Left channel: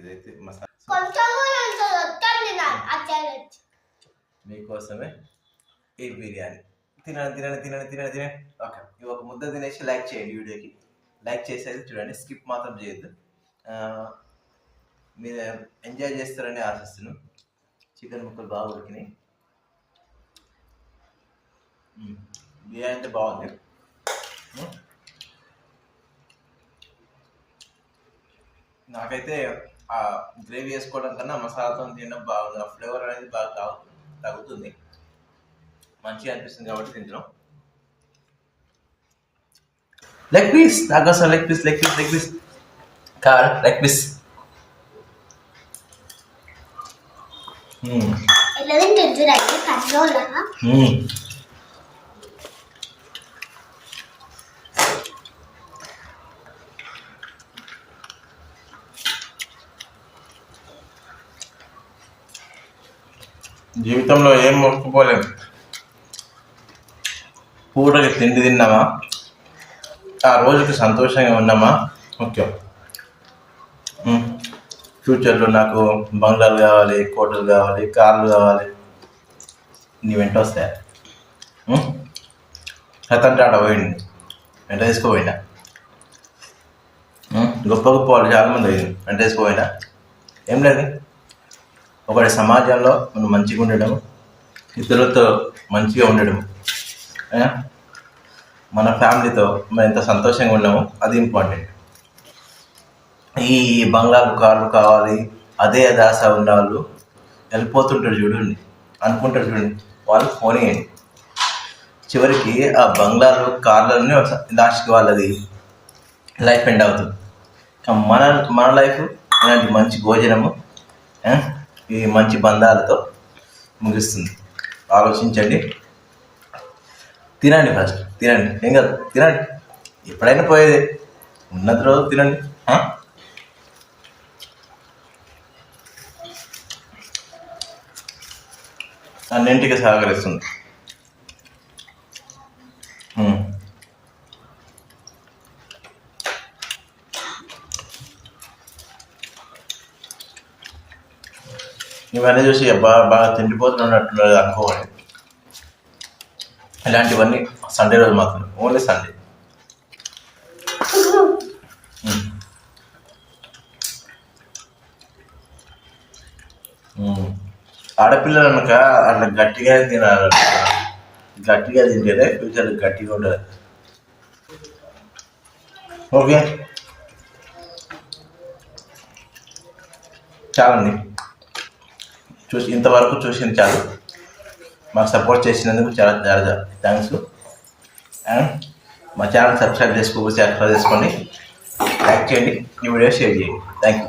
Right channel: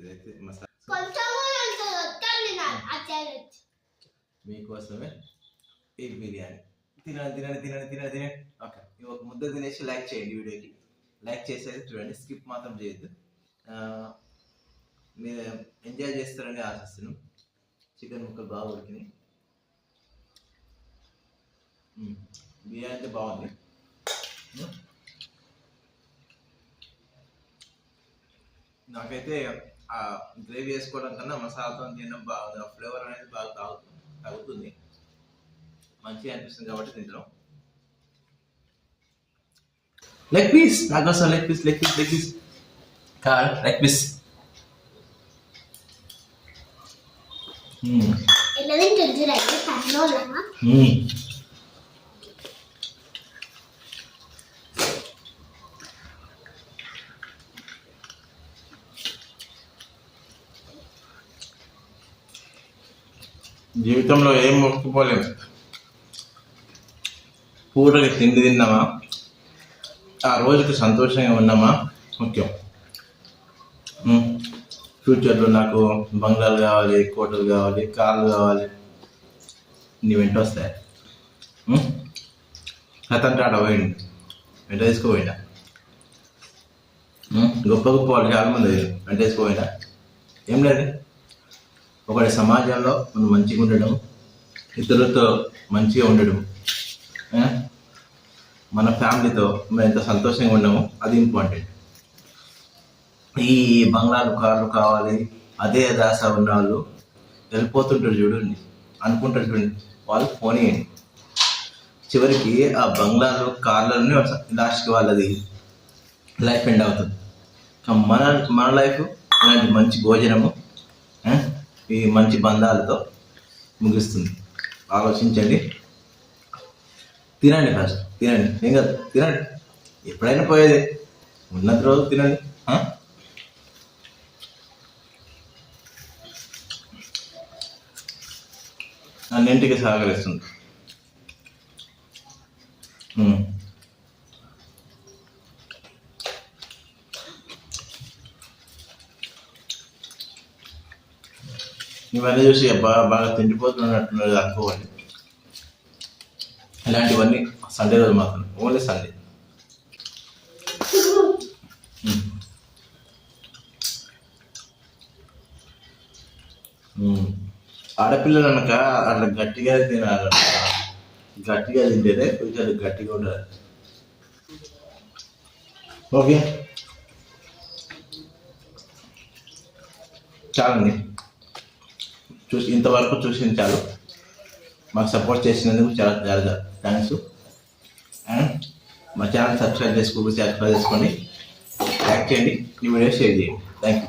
ఇదైతే మసాలా మీకోసమే ఈ బిర్యానీ. తినండి తినండి తినండి తినండి తినండి. ఓకే, ఒక ముద్ద తినేసి లైక్ చేయండి. వీడియోకి లైక్ చేసేది చూడండి, స్కిప్ మాత్రం చేయొద్దు. మీరు ఎంజాయ్ చేస్తారని ఆశిస్తున్నాను. చికెన్ ముక్కలు బాగా ఉడికినాయి. బిర్యానీ అయితే బాగుంది. నాకైతే ఆ గ్రేవీ వేసుకోవడం కన్నా మసాలాతో తినడం బాగుంది. ఆ ఫ్లేవర్ అనేది బాగా తగ్గుతుంది, మంచిగా అనిపిస్తుంది కాబట్టి తింటున్నాం. లెగ్ పీస్ నాకోసం, leg piece leg piece leg piece కావాలి, లెగ్ పీస్. జీవితంలో ఏం మొక్కుకోలేము. పూటకి తిండి తిన్నామా, ఆ రోజుకి సంతోషంగా ఉన్నామా ముఖ్యం. ఫ్యూచర్లో నాకు బంగ్లాలు కావాలి, కోటలు కావాలి, కార్లు కావాలి, నీ వెంట వస్తాయా? రతన్ టాటా పోయింది, వెంట తీసుకుపోయినా. గొప్ప గొప్ప వాళ్ళు చాలామంది అయ్యింది, వెంట తీసుకుపోయినా. ఏం లేదు, ఒకటి సమాజంలో మనం మంచిగా ఉండడం, ఇతరులతో మంచిగా ఉండడం, మన ఫ్యామిలీతో మనం ఎంత సంతోషంగా ఉన్నామో అది ఇంపార్టెంట్. ఈ బంగ్లాలు కార్లు కావాలి అదే దాస ఉన్న వాళ్ళు వెళ్ళిపోతుంటారు చూడండి, అనుకుంటారు చూడండి, వాళ్ళు ఫోన్ చేయండి. చివరికి ఆ బంగ్లాలు కార్లలోనే లాస్ట్కి వాళ్ళది లైఫ్ ఎండ్ అవుతుంది. మన మన లైఫ్ ఇలాంటి మంచి భోజనము, ఈ మంచి బంధాలతో ముగిస్తుంది. ఆలోచించండి, తినండి, ఫస్ట్ తినండి, ఏం కాదు తినండి, ఎప్పుడైనా పోయేది, ఉన్నది రోజు తినండి. అన్నింటికి సహకరిస్తుంది. ఇవన్నీ చూసి బాగా తిండిపోతున్నట్టున్నది అనుకోవాలి. ఇలాంటివన్నీ సండే రోజు మాత్రం, ఓన్లీ సండే. ఆడపిల్లలు అనక అట్లా గట్టిగా తినాలి, గట్టిగా తింటేనే ఫ్యూచర్ గట్టిగా ఉండదు. ఓకే, చాలండి, ఇంతవరకు చూసింది చాలు. మాకు సపోర్ట్ చేసినందుకు చాలా చాలా థ్యాంక్స్. అండ్ మా ఛానల్ సబ్స్క్రైబ్ చేసుకోండి, లైక్ చేయండి, ఈ వీడియో షేర్ చేయండి. Thank you.